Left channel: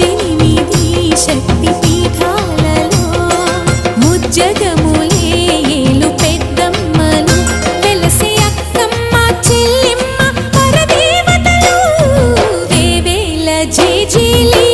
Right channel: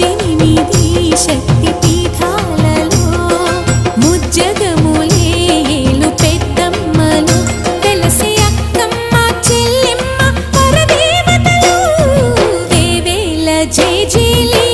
8 శక్తి పీఠాలలో ముజ్జగములే ఏలు పెద్దమ్మలు వెలసి అక్కమ్మ చెల్లిమ్మ పరదేవతలు వేవేల జేజేలి